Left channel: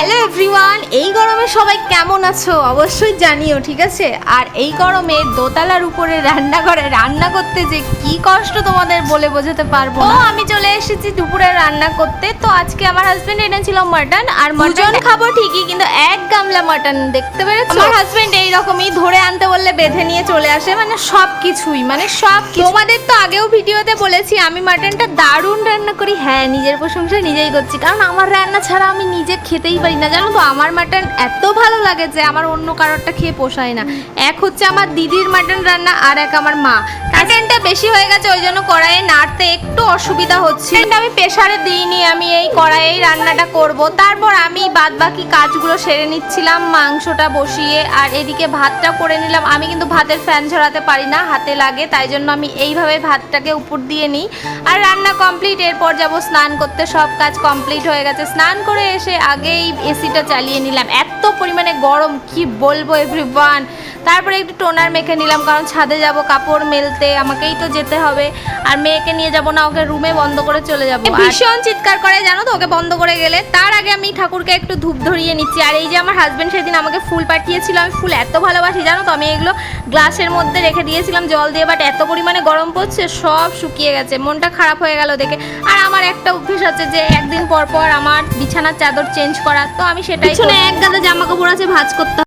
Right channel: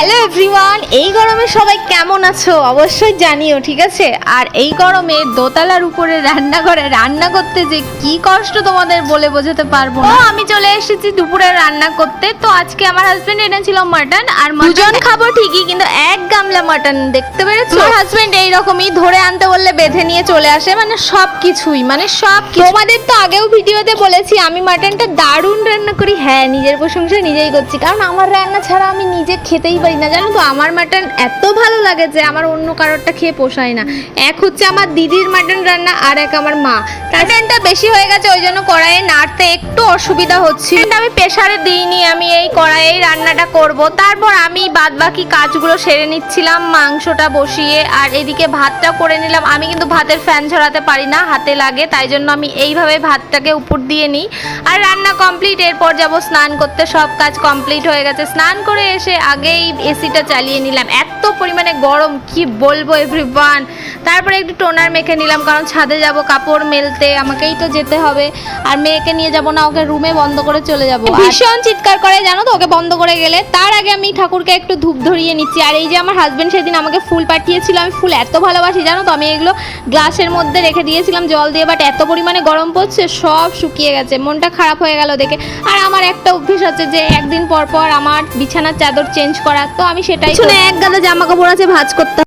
Hello everyone, এই গরমে সবাই কেমন আছো অবশ্যই জানিও, ঠিক আছে। আর এই গরমে দোতলার উপরে রান্নাঘরে রান্না করতে যে কি কষ্ট তোমাদের বলে বোঝাতে পারবো না। আমি চলে এসেছি দুপুরে রান্না করতে। তো আজকে আমার হাজবেন্ড এনেছিল মাটন, আর মাটন খাবো ঠিকই, কিন্তু এক গামলা মাটন, দেখতে পেরেছো? আমার হাজবেন্ড এইরকমই ধরে আনতে বললে বেঁধে নিয়ে চলে আসে, মানে সব কিছুই, মানে সব কিছু। তোমাদের তো আগেও ভিডিওতে বলেছি আমি মাটনটা দারুণ রান্না করি। হ্যাঁ, নিজের প্রশংসা নিজেই করছি, কারণ আমার রান্না ছাড়া আমি নিজে খেতেই পারি না, জানো তো। আমার মাটন এত ভালো লাগে যে আমার অন্য কারোরটা খেয়ে পোষায় না। এক হচ্ছে আমার দিদির মাটন রান্না, আর এক আমার মা। মাটনটা বেশি হয়ে গেছে, ওই জন্য কড়াইয়ে নাড়তে একটু অসুবিধা হচ্ছিল। আমি প্রেসারে দিইনি, আমি এই কড়াইয়ে রান্নাটা করব। তারপর আমি বাদ বাকি কাজগুলো সেরে নিচ্ছিলাম, মাংসটা বসিয়ে, আর এদিকে ভাতটা করে নিলাম। আমি কিন্তু ভাতের ফ্যান ঝরাতে পারি না, হাতে লাগে, তাই জন্য আমি এইভাবে ভাতটাকে উপর দিয়ে নিই। আর রান্না কমপ্লিট, এরপর যাব স্নান করতে। সব কাজ কমপ্লিট হয়ে গেছে। স্নান করে এসে আগেই এসিটা চালিয়ে নিলাম, এত পরিমাণে গরম কি বলবো এভরিওয়ান। তারপরে একটু টোনার মেখে নিলাম, কারণ ছাদে যাব কাপড় মেলতে, আমাকেই তো যেতে হবে। আর মেয়েকে নিয়ে যাব না, ওকে রুমে বন্ধ করে চলে যাব। ভীষণ চিৎকার করে, জানো তো, ওকে বন্ধ করে গেলে। তার আগে আমি ঠাকুরকে একটু ধূপ ধরিয়ে নিচ্ছি। আর এই যে আমার হাজবেন্ড সেদিন আমাকে ফুল পাঠিয়েছিল, আমি ফুল এত ভালোবাসি, জানো তো। আমি এগুলো গ্লাসের মধ্যে রেখে দিয়েছিলাম জল দিয়ে, বাট এত পরিমাণে গরম পড়ছে সব শুকিয়ে গেছে। মনটা খারাপ হয়ে গেল দেখে। আর আমার একটা অভ্যেস আছে যে একদিন পর পর আমার বিছানার চাদর চেঞ্জ করা, তো আমি সেটাই। এক গাদা জামা কাপড় আছে ভাঁজ করতে।